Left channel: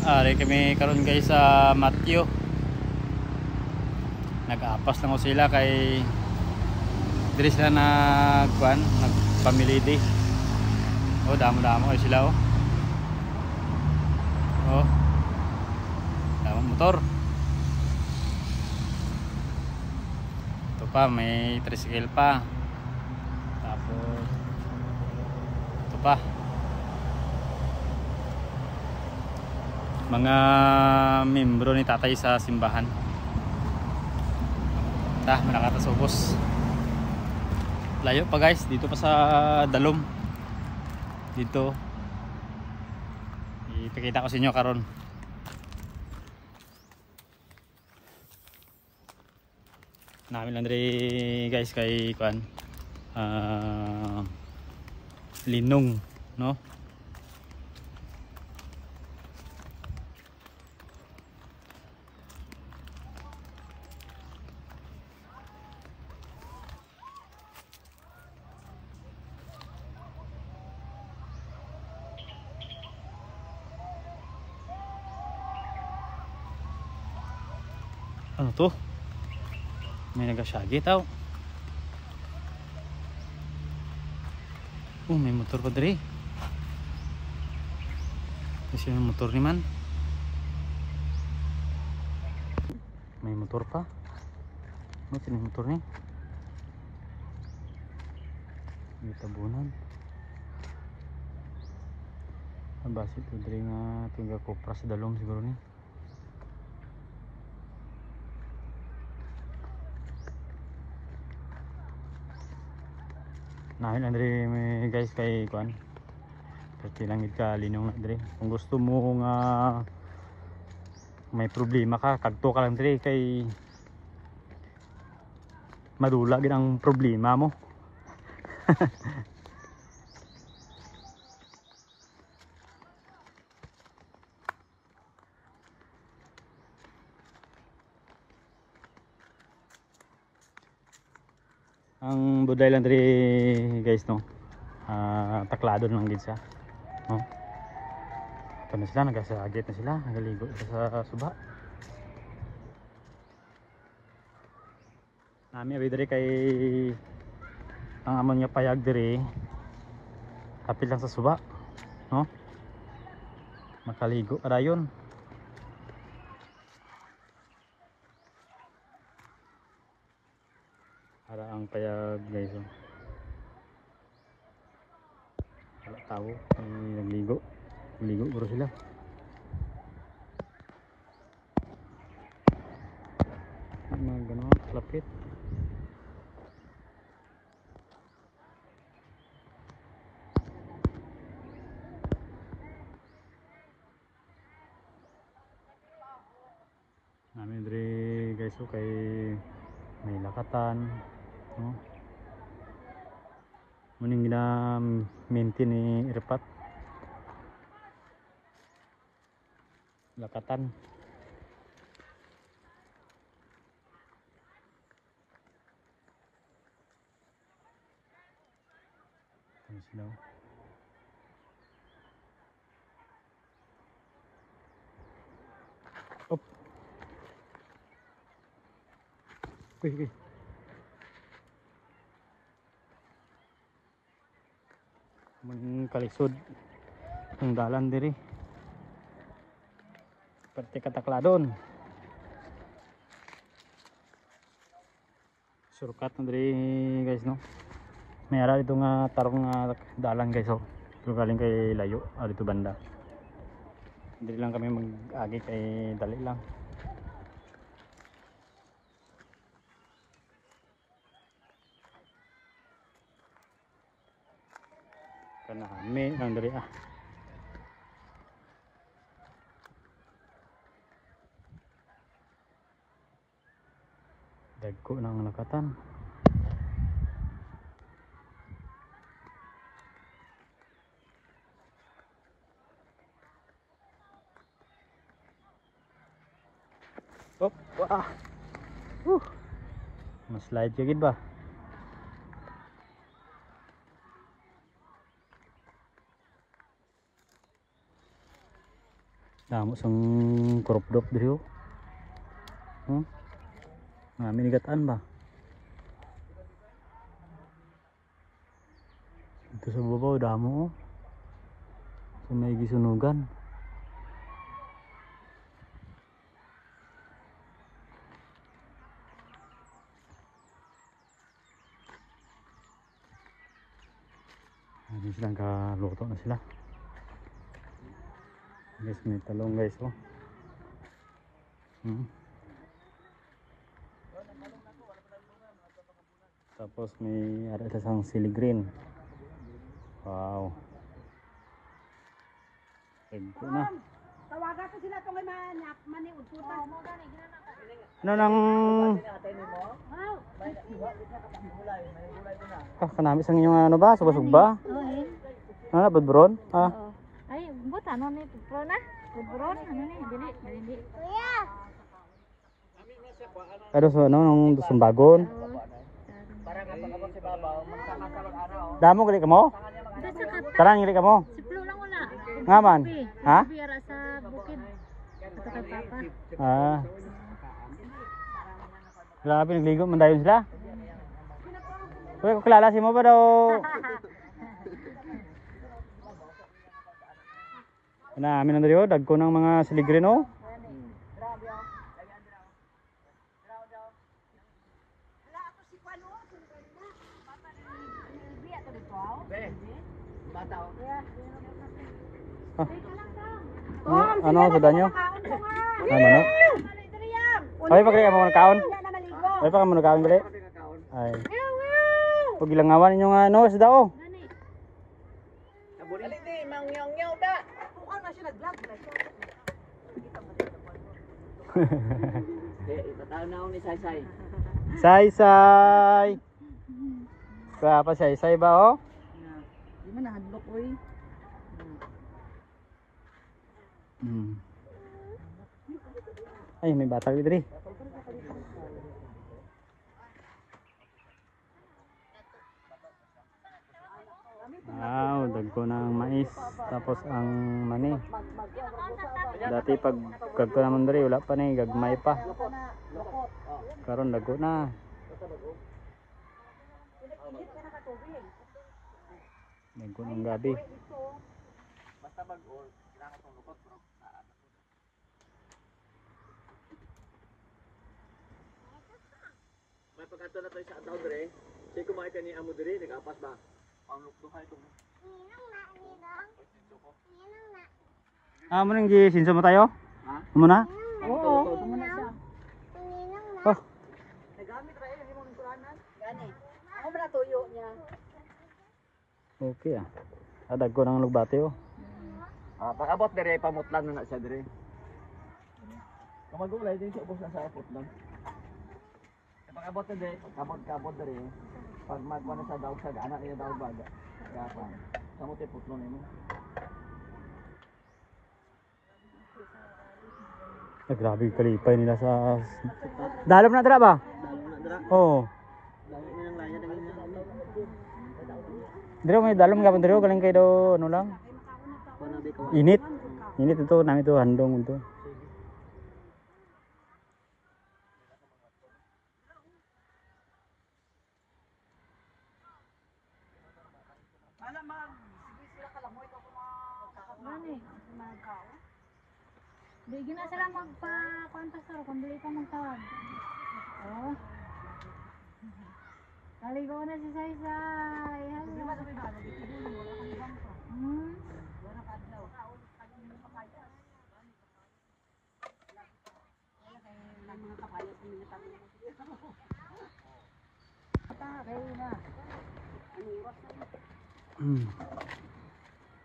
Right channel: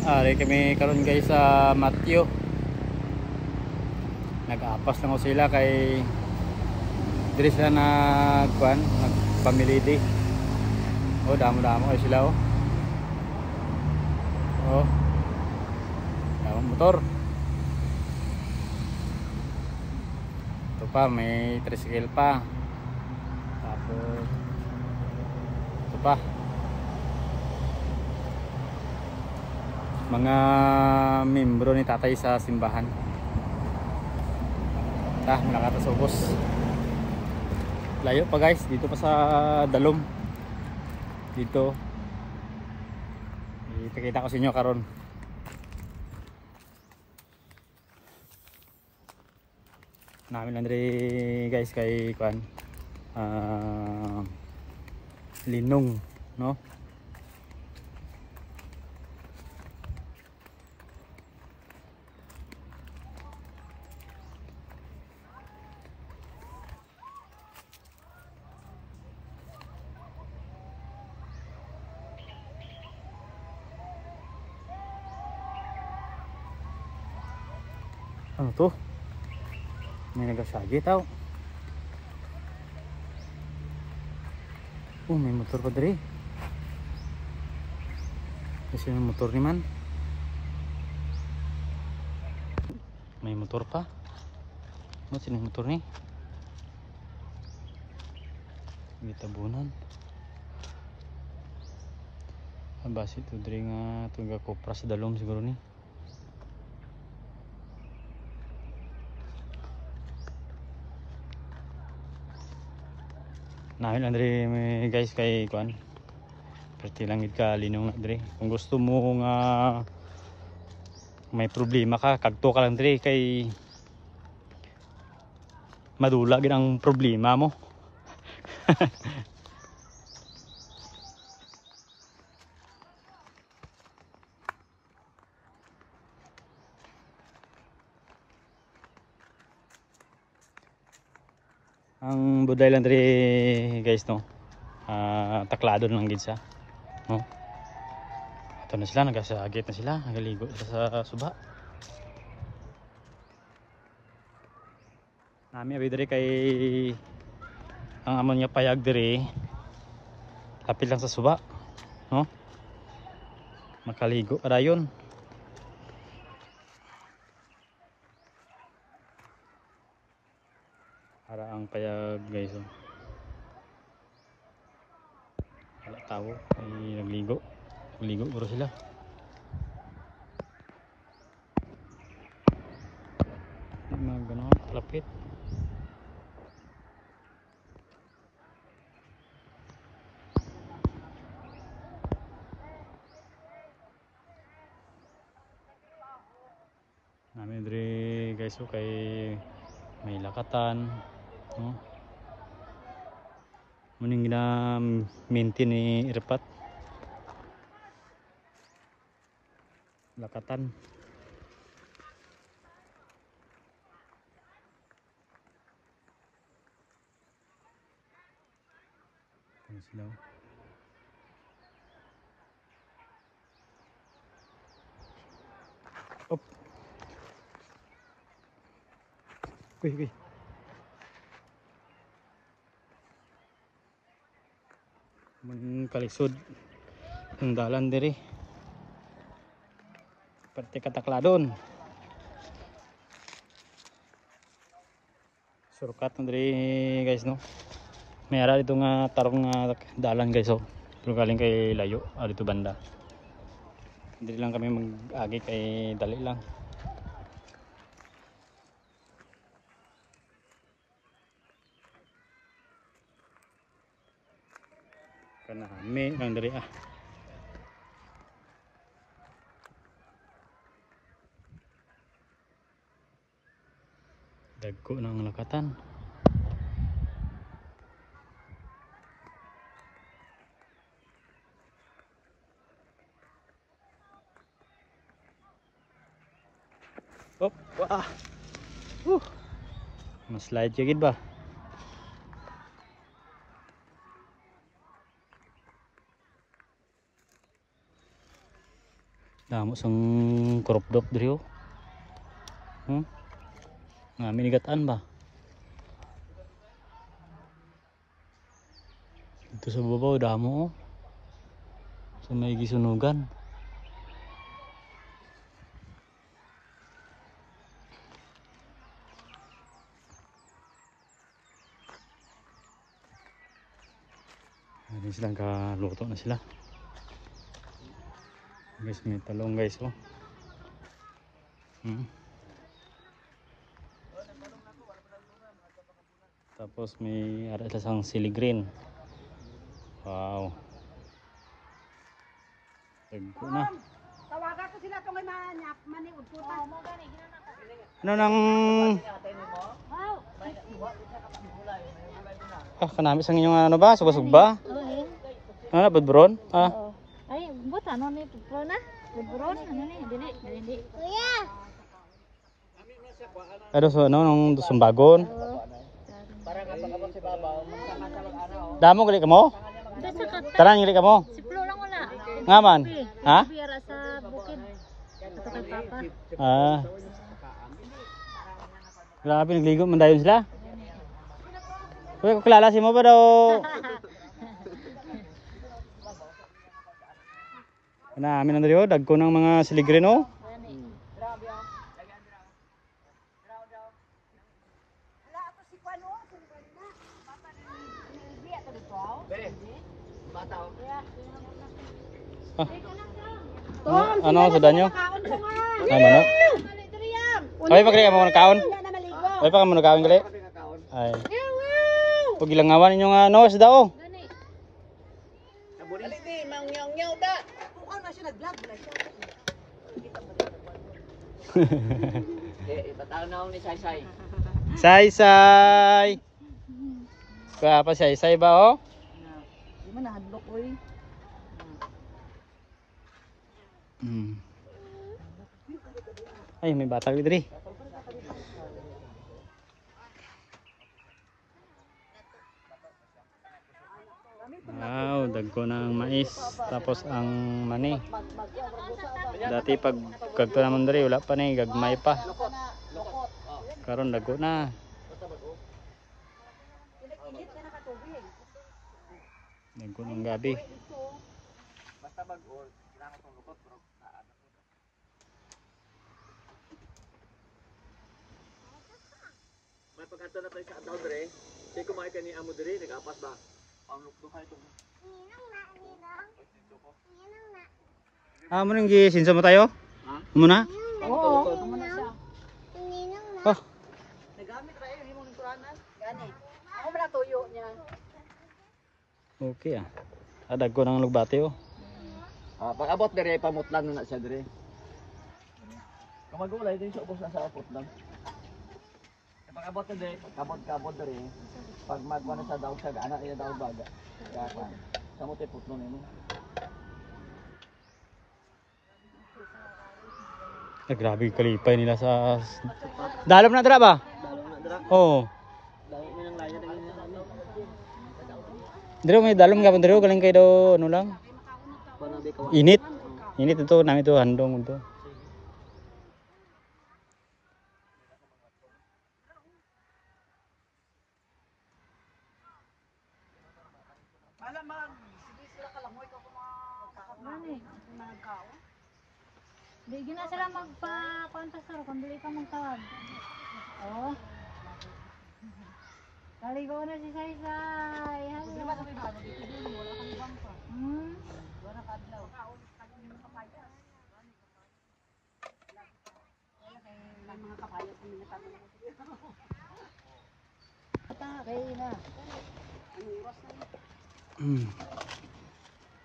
Ari kami karon guys sa Matthew. Nag-apas lang ko sila kay diri sila nagkuan, nagpamilidi. Oh, damo-damo kay sila oh. Oh. Damo motor. Ito pa may tricycle pa. Tapos ito pa. Mga membro ni tatay sa simbahan. Malakatas ubos. Layo pa guys, dito pa sa Dalom. Dito. Ipakita ko sa inyo karon. Namin lang guys kay kuan. Linong, no? Ano to? May nagasyagi tao. Oh, may motor pa diri. Kasi may motor ni man. May motor pa. Ano sila motor ni? May tabunan. Abasi ito diri nga tingga kopra sa Dalom siguro ni. Namin Andre guys kay kuan. Pwede lang gid ka linong Andre. Kung gusto mo nga may problema ka, kadto ka lang Andre kay madula gid ang problema mo. Ang buday lang diri guys no. Taklado lang gid siya. No? Ito na sila, nagasagit na sila, nagaligo sa suba. Mami abi diri kay ang amon niya payag diri. Lapit lang sa suba, no? Nakaligo rayon. Para ang payag guys oh. Wala tao, ay nagligo puro sila. Gano'n, lapit. Ano diri guys oh, kay may lakatan, no? Muning gina maintain ni Irpat lakatan. Ano sila? Op. Uy. Kalisod ang dalan diri. Pati katakladon. Surkat diri guys no. Mayara dito nga tarong nga dalan guys oh. Pero galing kay layo dito banda. Diri lang kami mag-agi kay dali lang. Kana kami kan diri dagko ng lakatan. Op, wah. Slide jagid ba? Damo sang kurupdok diri oh. Nga minigataan ba? Ito sa babaw damo oh. Sa may gisunugan. Hindi silang kaluto na sila. Guys, may talong guys oh. Tapos may ada isang sili green. Wow. Tagko na. Tawagan ko sila tong maniud ko ta. Ano nang kanami sa inyong ano ba? Subasog ba? Oo. Ano, budburon? Oo. Ay, but ano ni pro na? Libron ano ni? Dili. Kuya. Ano so ano nung sumbagon? Damo gali ka mo? Basta ka Taran gali ka mo? si Flo lang wala. Nga man? Ha? Biyara sa bukid. Ato kay Papa. Ah. Grabe nagligo man dayon sila. Uy, kakilala si mo ba daw? Namin na dito, dagko ng mga siligrin oh. Ano sudah nyo? Manok? Ay, pagkali ka mo nakaon? Ay, pa ka mo nakaon gali? Ay. Huwag ilang ngawan ninyo nga ano, sudah oh. Ipataw na ako ni Saysay. Saysay! Kaya pa saysay ba oh? Di man nahadlok ko eh. Ay, may batang dito. Wow, dagko ng mais. Tapos ang mani. Dati pag kagto naman diri wala pa ni gagmay pa. Karon dagko na. Dagko ng gabi. May pagkato na tayo sa ataw dere. Say kumain ka ni amo dere, nagapas ba? Ang buhay ko. Mo nang gisinsa mo tayo? Ha? Muna? Oo. Amo na siya. Oh, Nagamit ra eh imong turanan. Gani. Ako man tuyo niya. okay ah. Dagko ng lugbati oh. Pag abot dere pamutlan na siya dere. Kamagulay din siya ubos na sa putlan. Pag abot na dere, kabod dere. Pag magwa na sa daog sa ana niya daog baga. Dakan. Sa mo te putlon ini. Grabe kalipay nila sa dalom na dira ba? Dalong na dira. Oo. Dalong mo nang laya dagin na. Dito may dalom nga dito galing kay do ano lang. Kuno be ka. Init. Init ito namin ito handong ito. Di gina sila magpa-contestor kung dili ka magtawag. Oh. Kaligaw na si Saysay. Hello.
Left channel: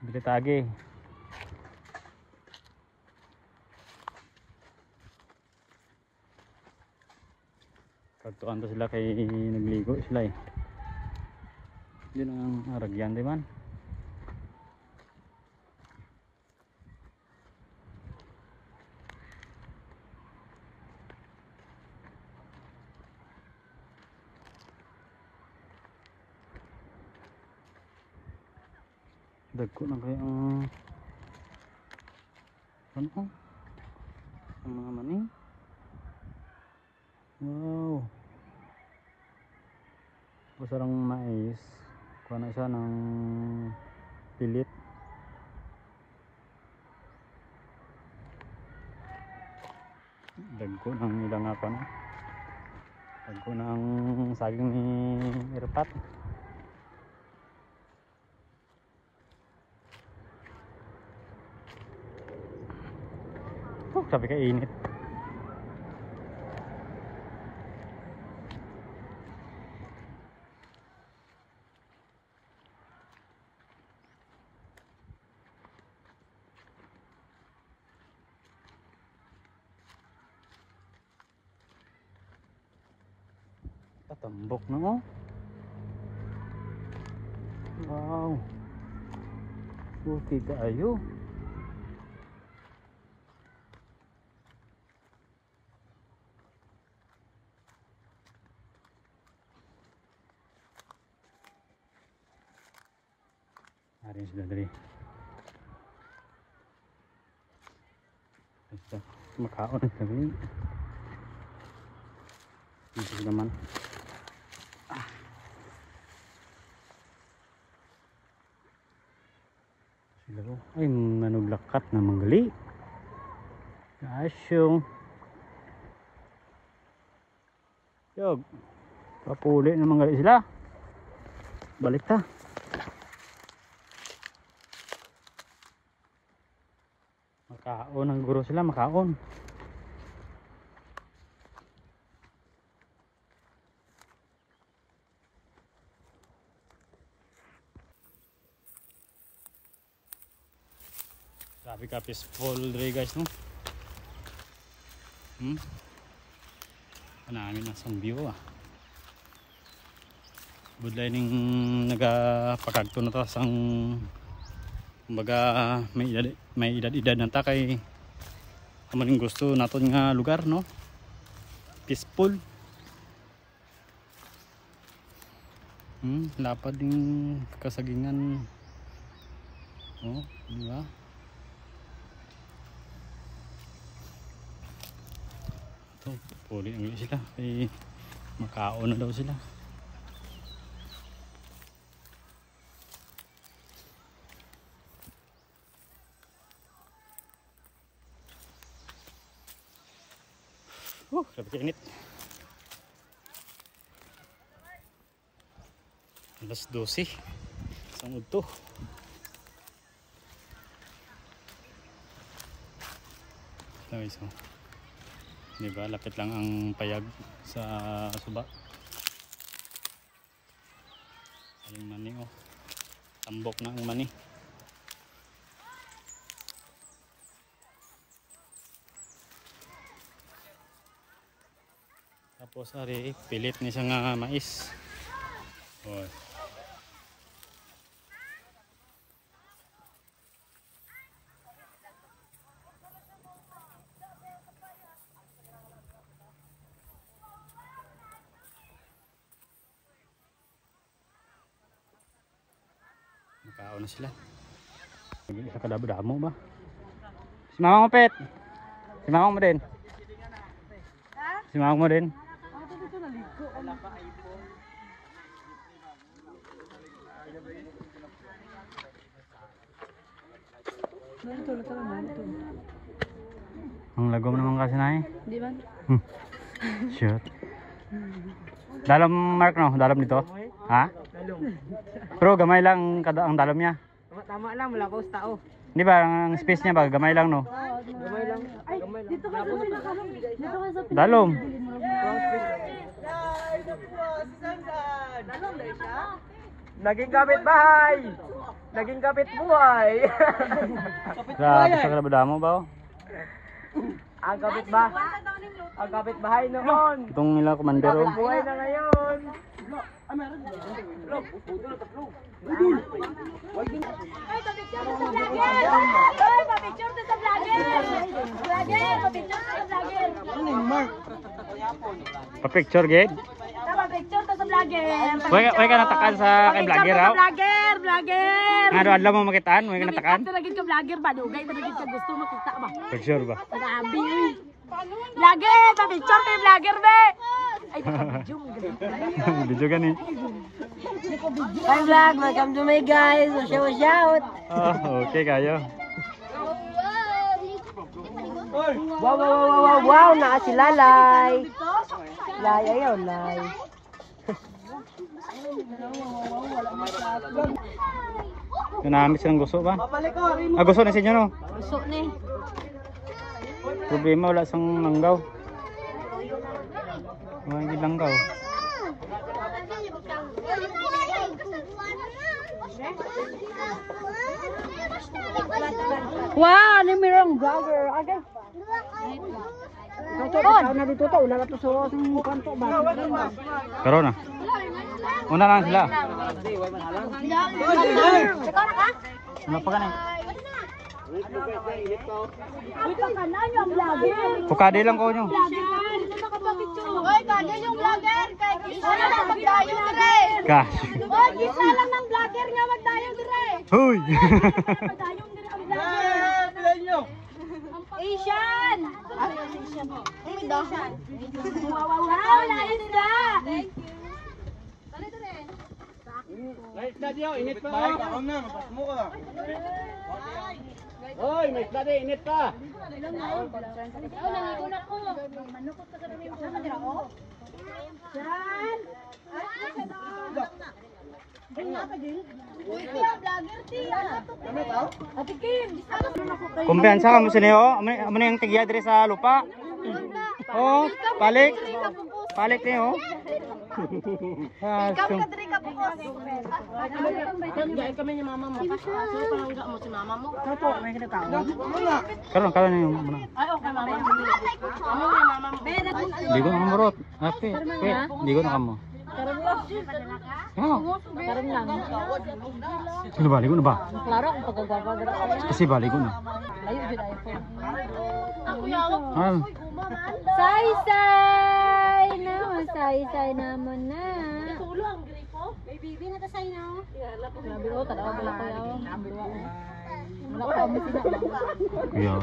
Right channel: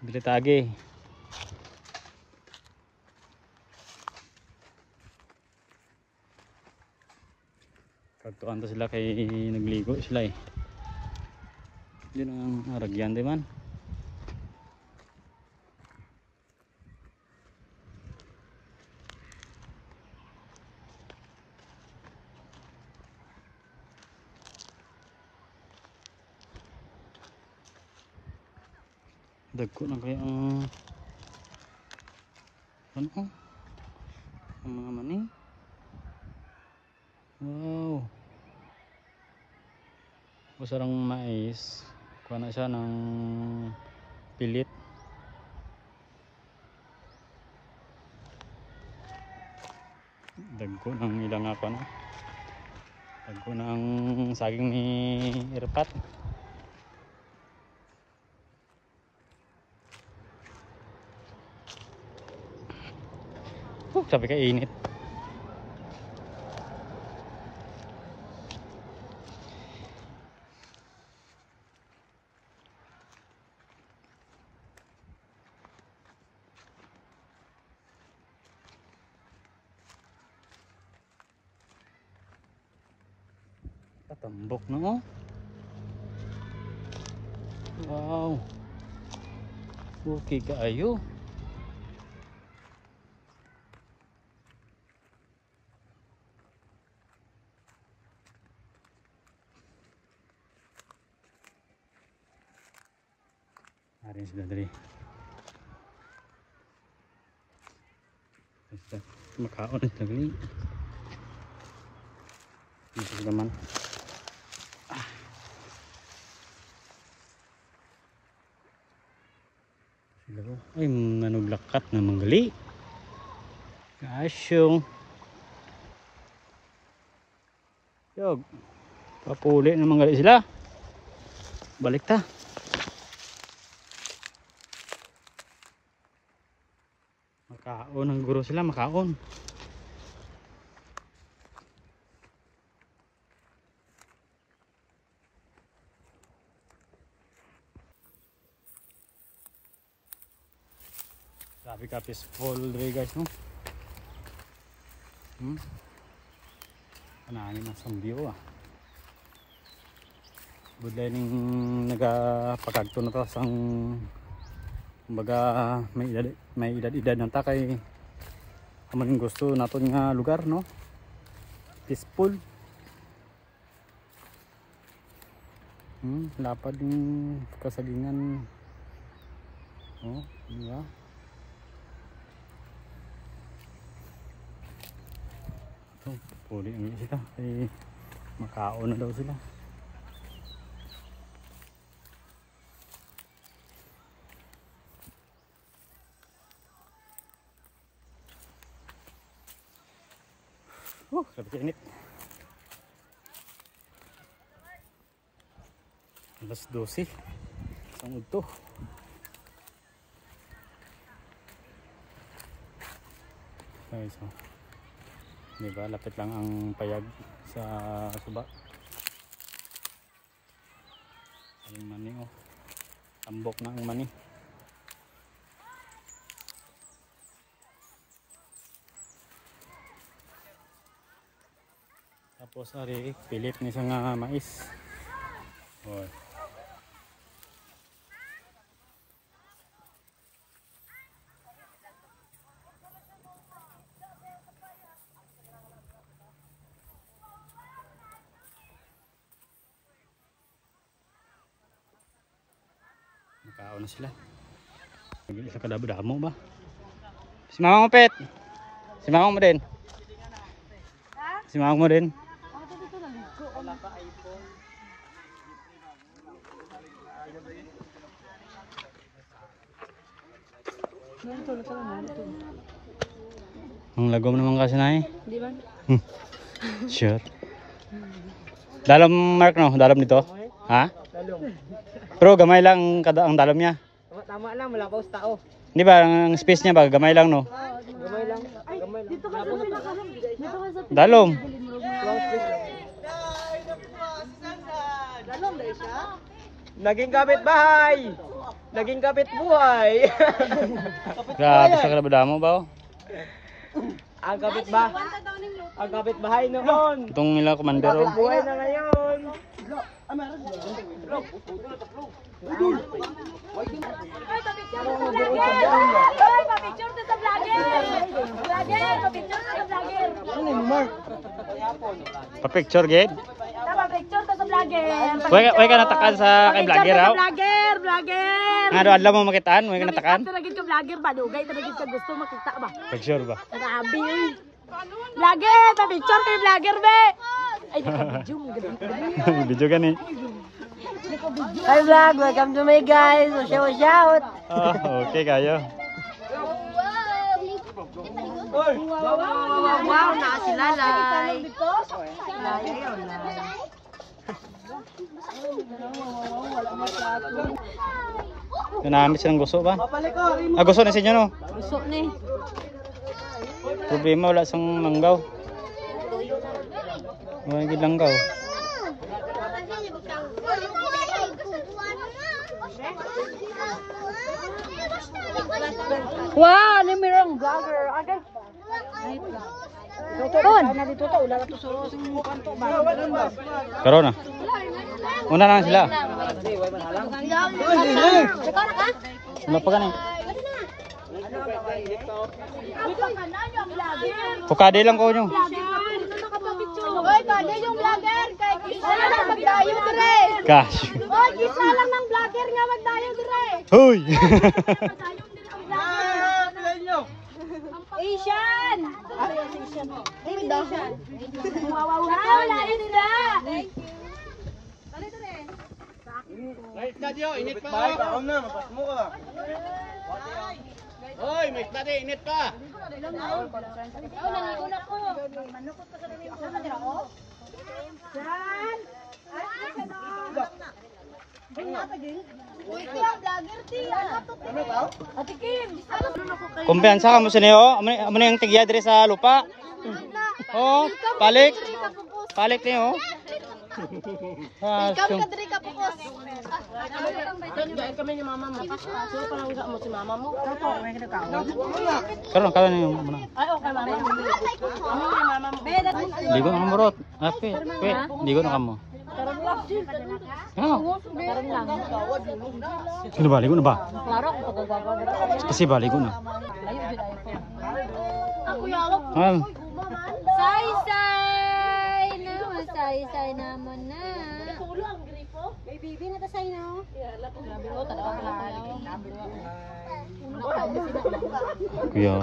Bili tagi. Pagtuan to sila kay nagligo sila eh. Yun ang aragyan di man. Dagko na kaya ang Yan o. Ang mga mani. Wow. Gusto lang mais. Kuha na siya ng pilit. Dagko ng ilang ako na. Dagko ng saging ni Irpat. Sabi ka init. Patambok na oh. Wow. Okay kaayo. Arin sudah dari. Basta makaon na tagli. Ito naman. Ay, nanuglakat na manggali. Asyong. Yog. Papuli na manggali sila. Balik ta. Makaon ang guro sila, makaon. Grabe ka peaceful dre guys no. Pananin ang sang view ah. Budlay ning nagapakagto na ta sang kumbaga may edad nanta kay kamaning gusto naton nga lugar no. Peaceful. Lapad din kasagingan. Oh, di ba? Puli ang sila ay makaon na daw sila. Sabi ka init. Alas 12 isang udto. Guys, oh. Diba, lapit lang ang payag sa suba. Ayun mani oh. Tambok na ang mani. Tapos ari pilit ni siya nga mais. Oh. Makaon na sila. Sa kadabo-damo ba? Si Mama mo pet. Si Mama mo din. Si Mama mo din. Ang lagom naman kasi na eh. Di ba? Sure. Dalam Mark no? Dalam dito? Ha? Pero gamay lang ang dalam niya. Tama lang, wala ko sa tao. Di ba ang space niya ba? Gamay lang no? Gamay lang. Ay, dito ka sa Dalom. Naging kapitbahay. Naging kapitbuhay. Grabe sa kadabo-damo ba? Ang kapitbahay noon. Itong nila commander oh. Buhay na ngayon. Ay, pa-picture sa vlogger! Ay, pa-picture sa vlogger! Vlogger, pa-picture sa vlogger! Pa-picture gid. Pa-picture sa vlogger! Way ka natakan sa kay vlogger ha. Vlogger! vlogger. Nga adlaw mo makitaan, mo natakan. Lagi ka vlogger ba? Dugay lagi ka gusto makita ba? For sure ba? Grabe yun. Vlogger, pa-picture kay vlogger be. Ay, video mo. Video gani. Hi vlog, welcome to my guys. Watch out. Okay kayo. Wow, naa si Lalay. Lalay, ayaw, Lay. Nanamit silang gusto ba? Gusto na sa inyo no? Gusto ni. Problema wala sang langgaw. May langgaw. Wow, ni mirang vlogger. Agad. Na dito to, wala na to sa kanto ba? Pero na. Una lang sila. Wala pa gani. Ito ka na yung vlogger. Pukade lang ko nyo. Oy, tado yung vlogger. Wala na magdayo dire. Gosh. Oy, isa lang ng vlogger nga magdayo dire. Hoy! Magdayo dire ang vlogger. Asian. Wow, lain na. Light na diyo, init pa. Light ako na, mapas mo ka. Hoy, may isda din, init pa. Kumpiyansa ka mo sa niyo. Amo na yung tigya dire sa lupa. Oh, palik. Palik niyo. Ikaw ka diri ka bukas. Kami ni mama mo. Paso ko lang mo si mama mo. Toto, may kinakaon. Karon niyo muna. Ay, okay mama. Ano ni mama mo? Ligo na kamurot. Ape, ligo na kamo. Karon lang. Ano? Karon lang. Sino ba? Ligo na ba? Klaro kung pagagawa dira ko. Kasi ba, ligo na. Layo jud ayo ko. Ako yaw. Say-say na, say-say naman na. Kulo ang gripo. May bibi na tasay na. Grabe ko tanaw pala ko yaw. Kuya.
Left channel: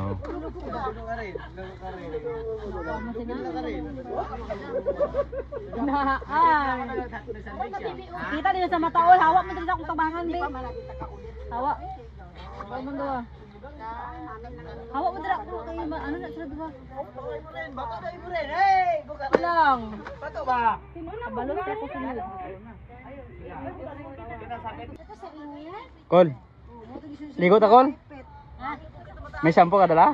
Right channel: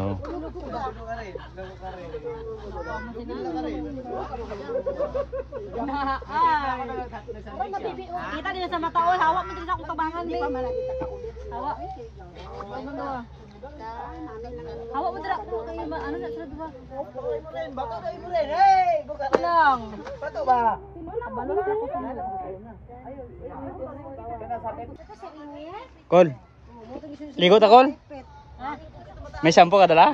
Kita din sa mata ol, hawak mo din sa akong tabangan be. Hawak. Hawak mo daw. Hawak mo dira ko kay ano na sila duwa. Lang. Pato ba? Balon ka ko sunod. Kol. Ligo ta, Kol? May shampoo ka dala?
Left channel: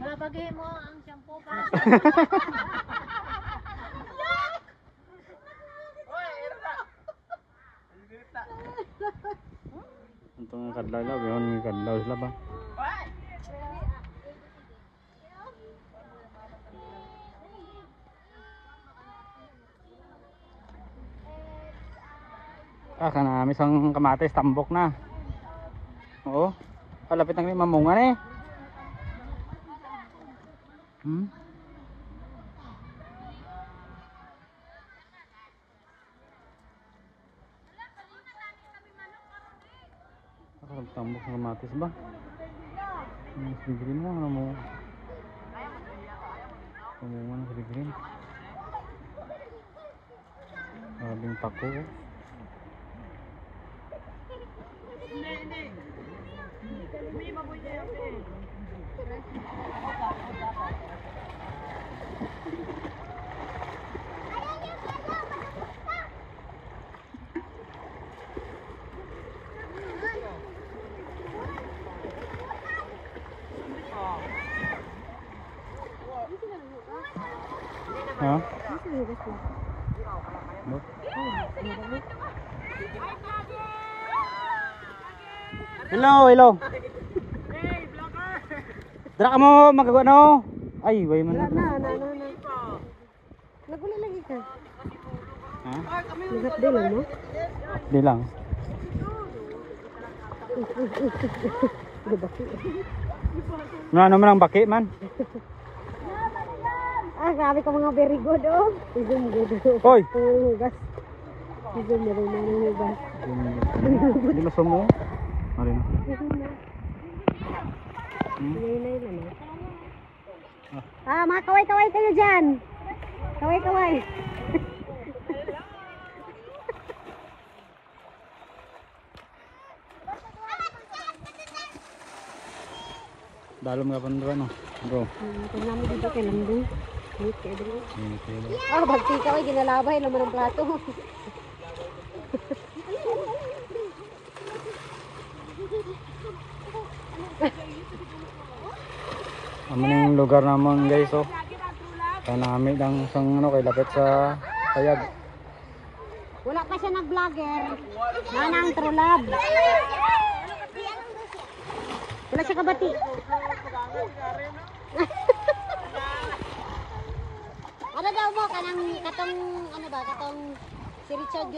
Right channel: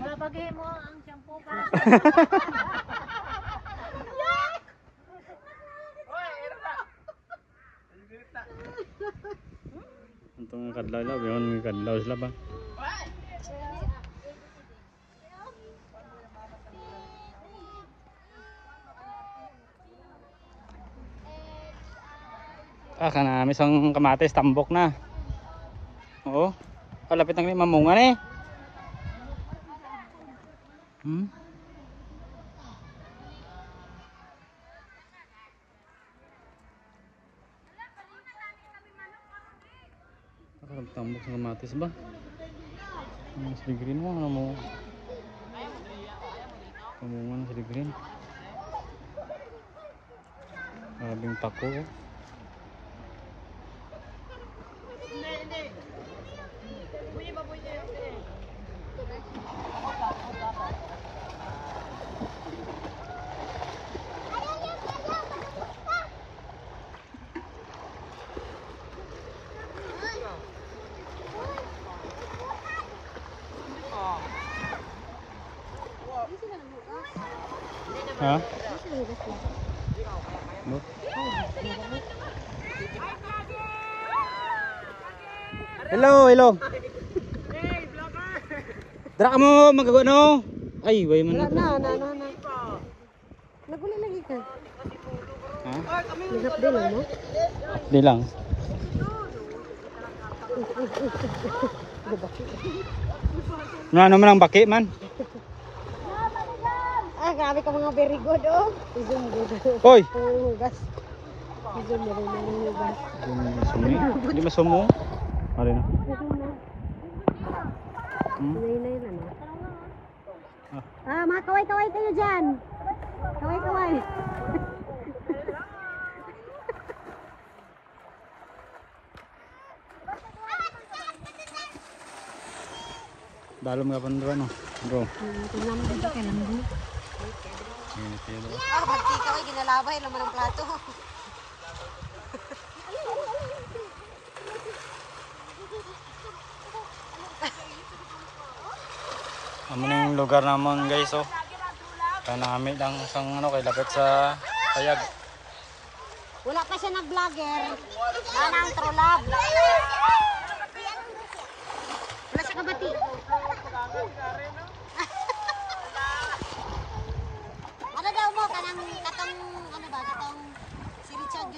Wala paghi mo ang shampoo para. Itong kadlaw lang, yun kadlaw sila ba? Kana misang kamatis tambok na. Oo. Kalapit ng mamungan eh. Tambok sa kamatis ba? Mas green lang ano mo. Ano yan sa green? Maraming tako. Ha? Hello, hello. Dira ka mo magagawa no? Ay, way man. Na. Nagula lagi ka. Nag-update lang mo? Di lang. Ano man ang baki man? grabe ka mga very good, oh. Zoom good. Hoy! Hugas. Zoom na rin ng hugas. Hindi masumo. Ano na? Nay na na. Mga kaway-kaway kayo dyan. Kaway-kaway. Dalam nga pa no? Bro. Tingnan mo dito kay Lambong. Bagti ka, ginalabay laman ng plato. Ang lugar naman guys, oh. Kanami lang sang ano kay lapit sa Tayag. Wala pa siya nag-vlogger. Nanang trolab. Wala siya kabati. Ano daw mo kanang katong ano ba katong si Richard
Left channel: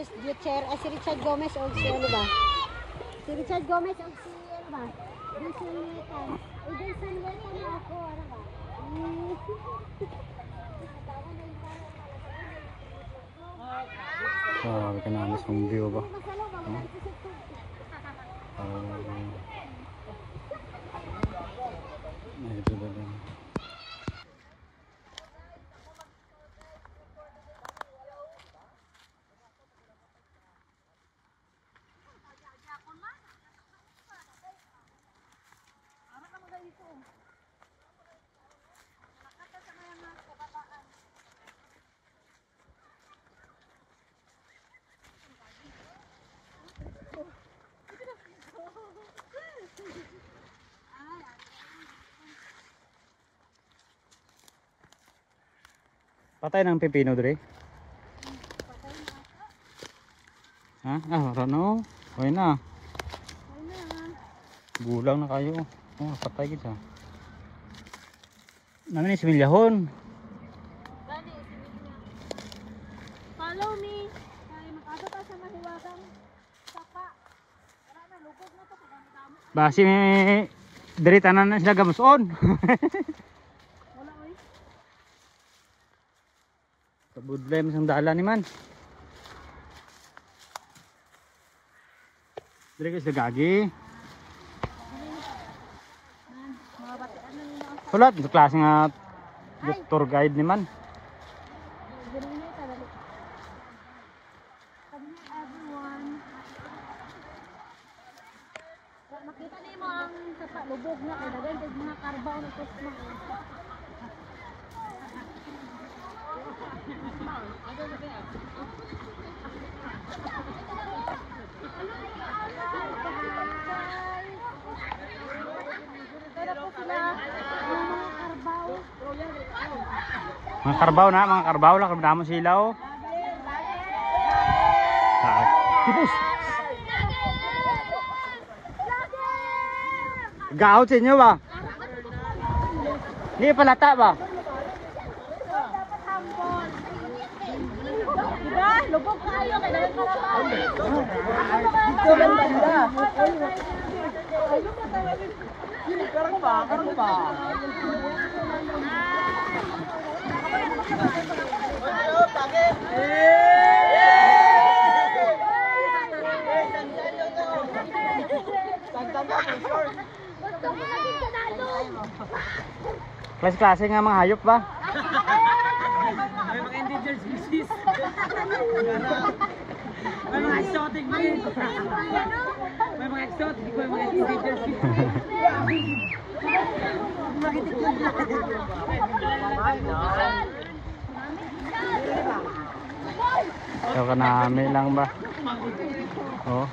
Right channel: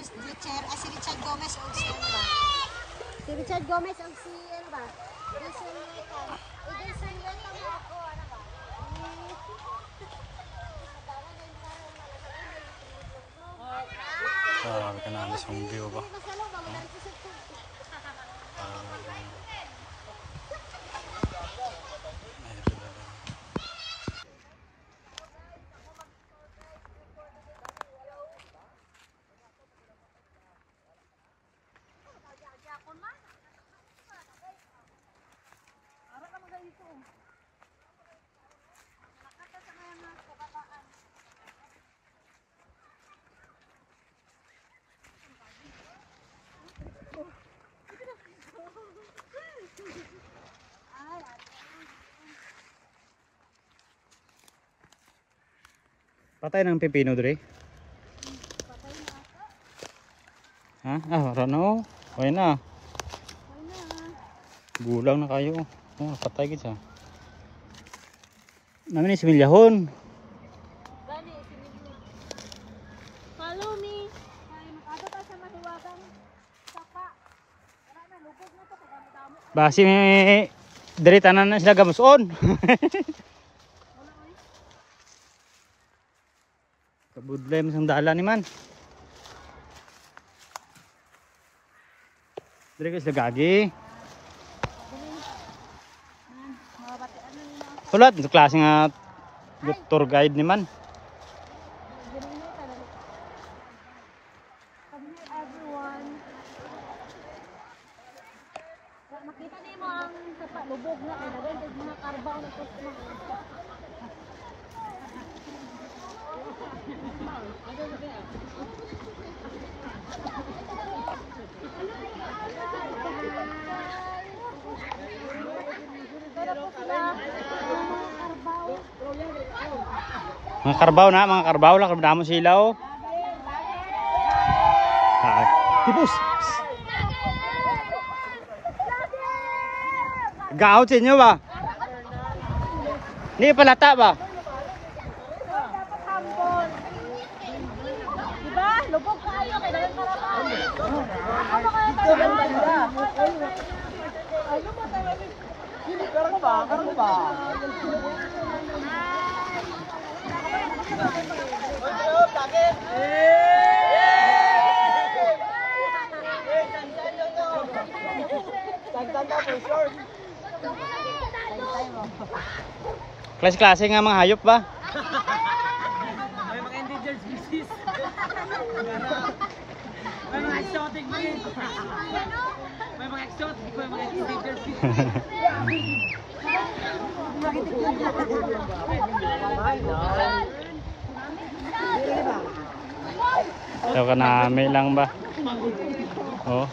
si Richard Gomez o si ano ba? Si Richard Gomez o si ano ba? Jason Lueta. Jason Lueta mo ako ano ba? Grabe ka na mismong view ba? Ito na lang. Patay ng pipino dre. Ano? Okay na. Gulang na kayo. Patay kita. Namin similyahon. Follow me. Ay makado ta sa mahiwagang sapa. Wala na lugog na to kadamo. Basi diri tanan na sila gamuson. Kabudlay mo sandala ni man. Dili ka sila gagi. Sulat sa klase nga tour guide ni man. Everyone. Makita niyo mo ang sapa lubog na kay dagay mga karbaw na kusma. Pero po sila yung mga karbaw. Mga karbaw lang kadamo sila oh. Tipos. Gaot sa inyo ba? Hindi palata ba? Diba? Lubog kayo kay dagan karbaw. Ano kaya tayo? Karang ba? Klase-klase nga mga hayop ba? May mga endangered species. May mga exotic breed. May mga exotic, may mga endangered species. So kanami lang ba? Oh.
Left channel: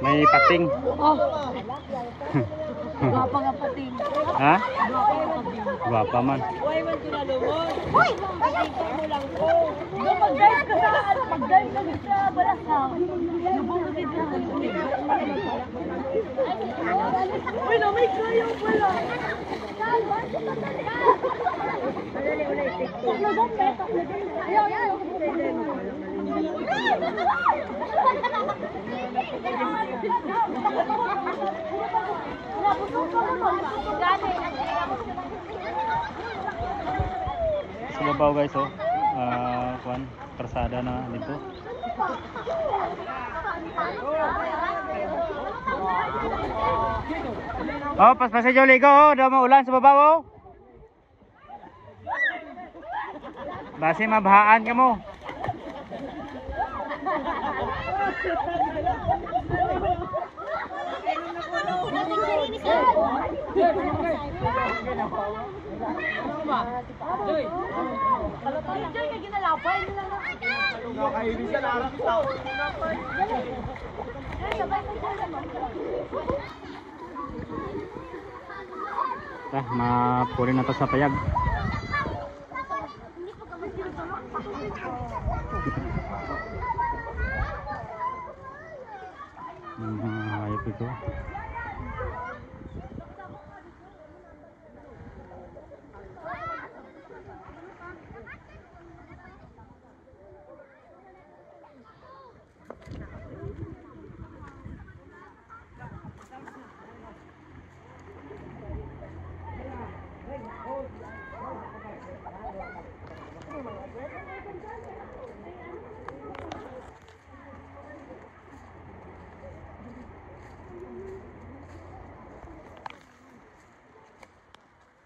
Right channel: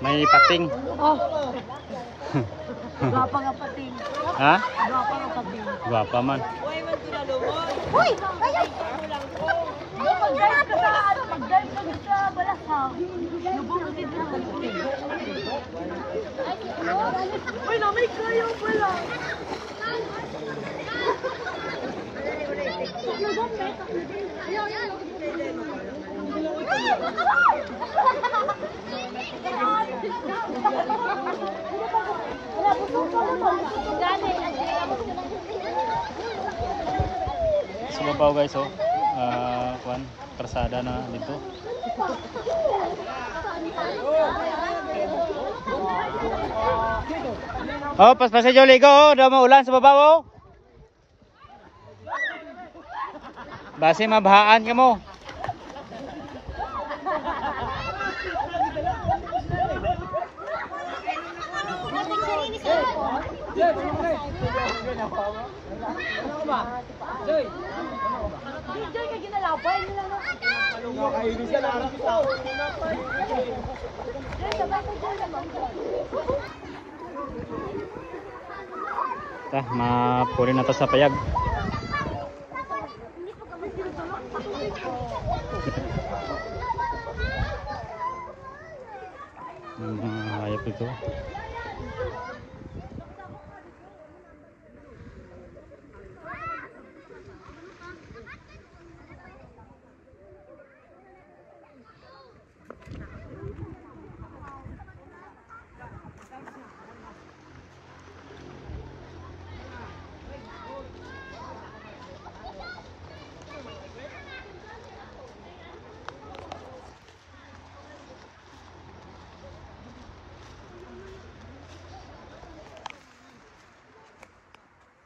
May pating. Wala pa nga pating. Ha? Guwapa man. Uy, man ito na lumon. Uy, pakita mo lang ko. Mag-dive ka sa ano, mag-dive ka sa balasang. Lubong ka dito. Uy, namay kayo pala. Lubong ba? Ayaw, ayaw. Sa babaw guys, oh. Kuan, karsada na dito. Oh, pas-pasay jo ligo, oh. Daw maulan sa babaw, oh. Basi mabahaan ka mo. Puro na to sa payag. Ayap ito.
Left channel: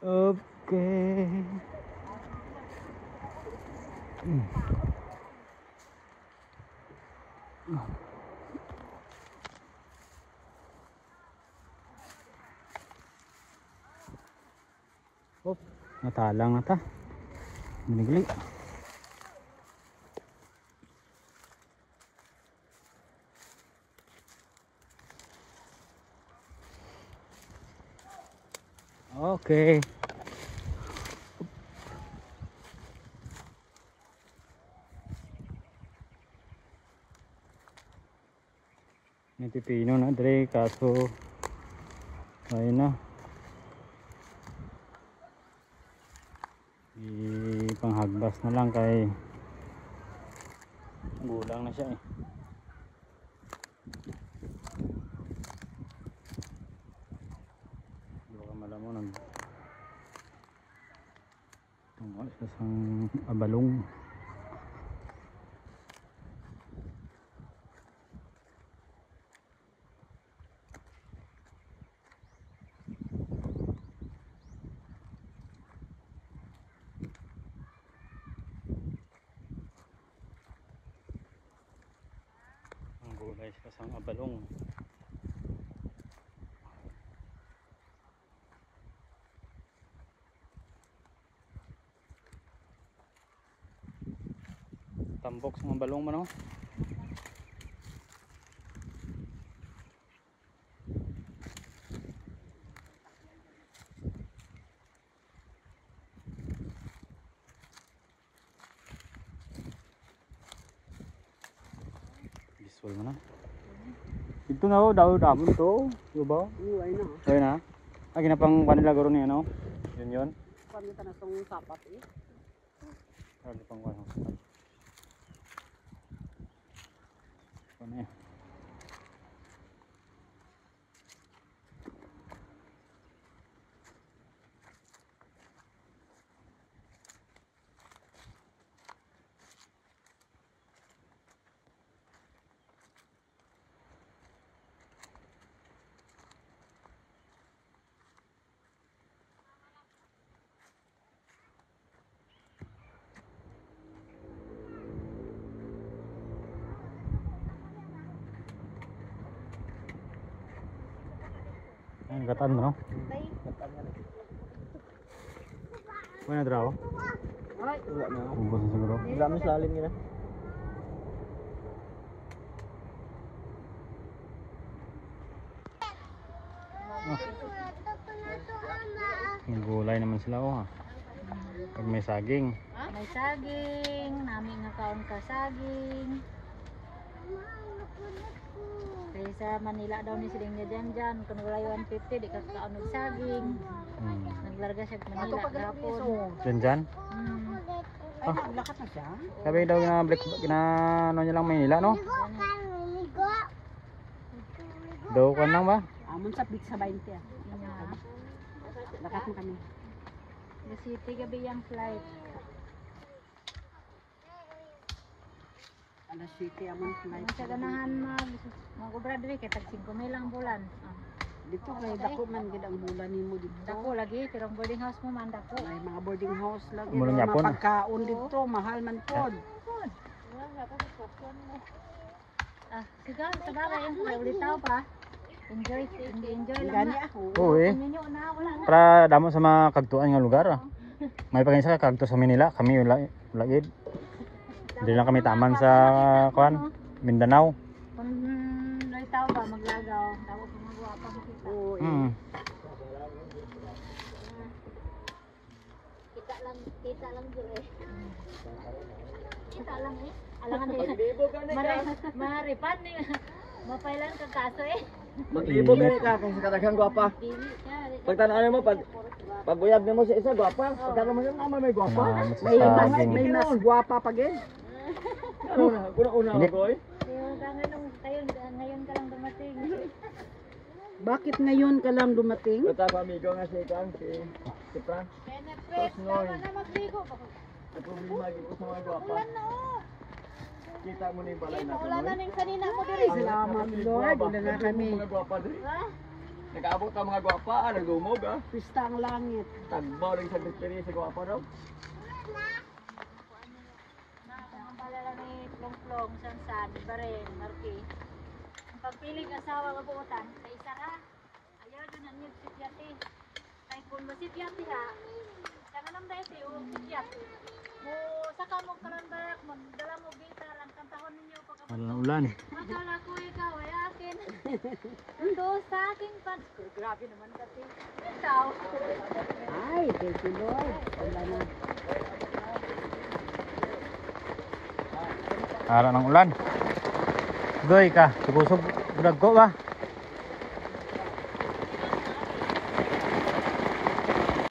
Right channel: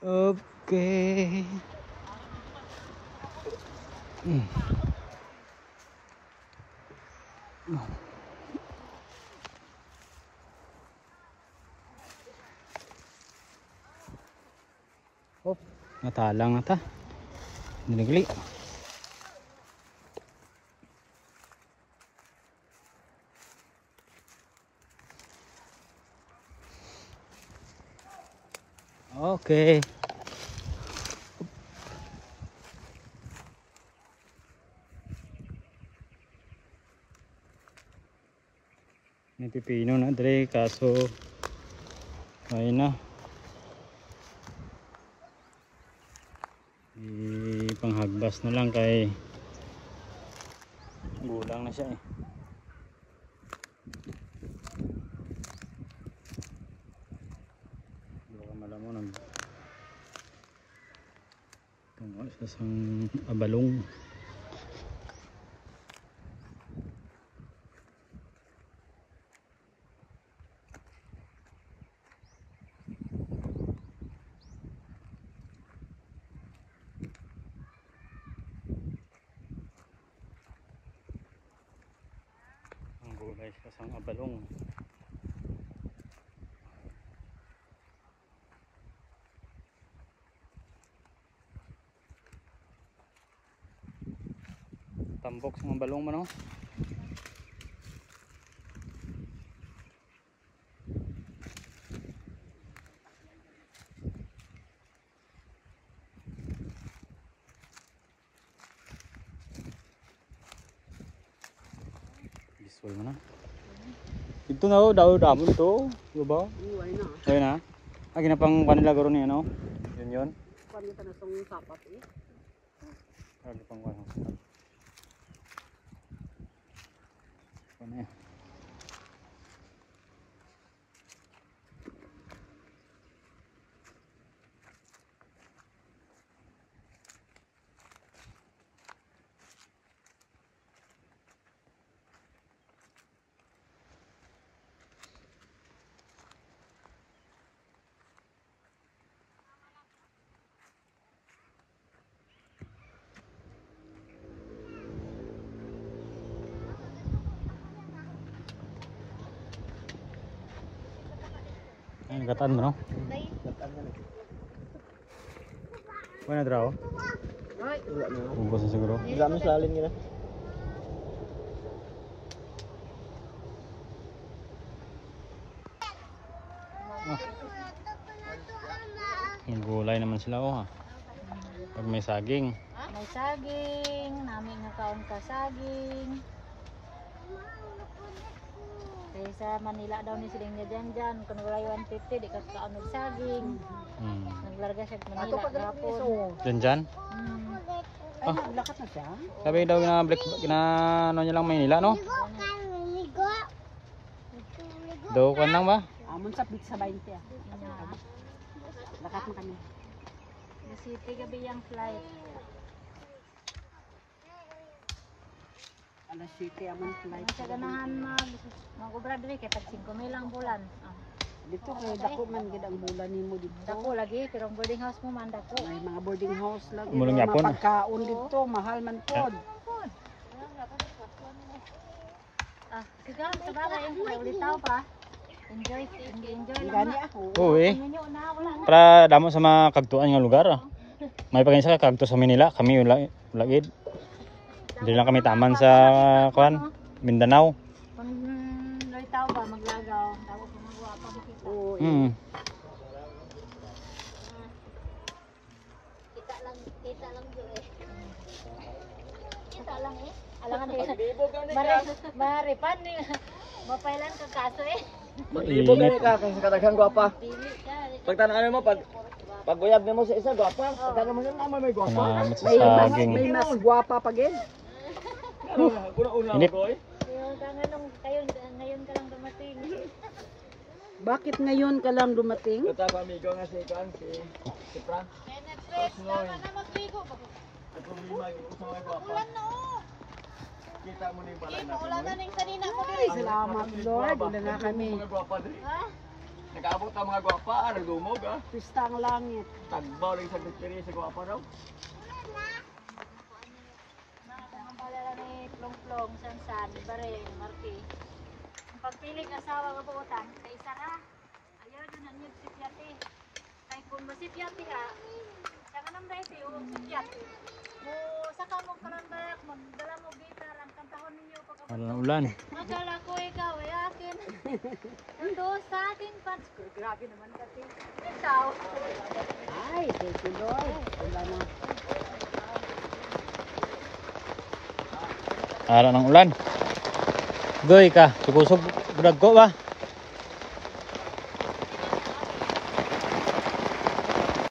Okay. Oh, natalang ata. Dinigli. Okay. May pipino na dre kaso ayun na. Panghagbas na lang kay gulang na siya eh. Baka malaman ang isang abalong. Guys, kasang abalong. Tambok sa abalong man oh. Visual mana? Itu na daw damo to, di ba? Oo, ayun na. Ayun na. Agi na pang kanila garo ni ano? Yun. Kuan kita na song sapat eh. Ano pang kuan? Ano ya? Ang gatan mo. Kaya na draw? Ay, wala na. Ubos na siguro. Wala mo salin nila. Ang gulay naman sila oh ha. Pag may saging. May saging, namin nga kaon ka saging. Kaya sa Manila daw ni siling niya dyan, kung wala 150, di ka kaon ng saging. Naglarga siya sa Manila, gapon. Dyan? Oh, sabi daw ano niya lang Maynila no? Daw kan lang ba? Amon sa pizza 20 ah. Lakat mo kami. The city gabi yung flight. Alas 7 aman flight. Sa ganahan mag-ubra diri kay tag 5,000 lang bulan. Dito kay dako man gid ang bulan nimo dito. Dako lagi pero ang boarding house mo man dako. May mga boarding house lang. Mulong Mga yapon. pagkaon dito, mahal man pod. Sigaw sa bagay yung kay ulitaw pa. Enjoy lang Gani na. ako. Oo eh. Ninyo na wala na. Para damo sa mga kagtuan nga lugar. May paginsa ka kagto sa Manila, kami lagid. Dili lang kami taman sa kuan, Mindanao. Kung ulitaw ba maglagaw, daw ko magawa pa makita. Oo. Mm. Kita lang jo eh. Kita lang eh. Alangan eh. Maglibo ka na Maripan ni mapailan ka kaso eh. Maglibo ka ni ka kay sa kadaghang gwapa. Dili ka. Pagtanaan mo pag uyab nimo sa isa gwapa, pagtanaan mo naman may gwapa. Salamat sa saging. May mas gwapa pa gid. Ano na, una Inip. ko eh. Ngayon ka lang dumating. Bakit ngayon ka lang dumating? Ito ako amigo nga si Kan, si Frank. Ang problema ko sa mga gwapa. Kita mo na yung balay natin. Wala na ning sanina ko diri. Salamat Lord, wala na kami. Mga gwapa diri. Nag-abot ang mga gwapa, nagdumog ah. Pista ang langit. Tagbaw rin sa distri sa gwapa daw. Ang palala ni Plong-Plong, Sansan, Bareng, Marti. Ang pagpilig asawa nga buutan, sa isa ra. Ayaw doon ang si Piati. Kay kung si Piati ha, siya nga nang dahil o si Piati. Mo saka mo karandak, magdala mo dita lang kantahon ninyo pagkabot. Wala na ulan. Masala ko ikaw ay akin. Ando sa aking pants. Grabe naman kasi. Ikaw. Ay, thank you Lord. Wala na. Ara ng ulan. Goy ka, tugusog budag ko ba?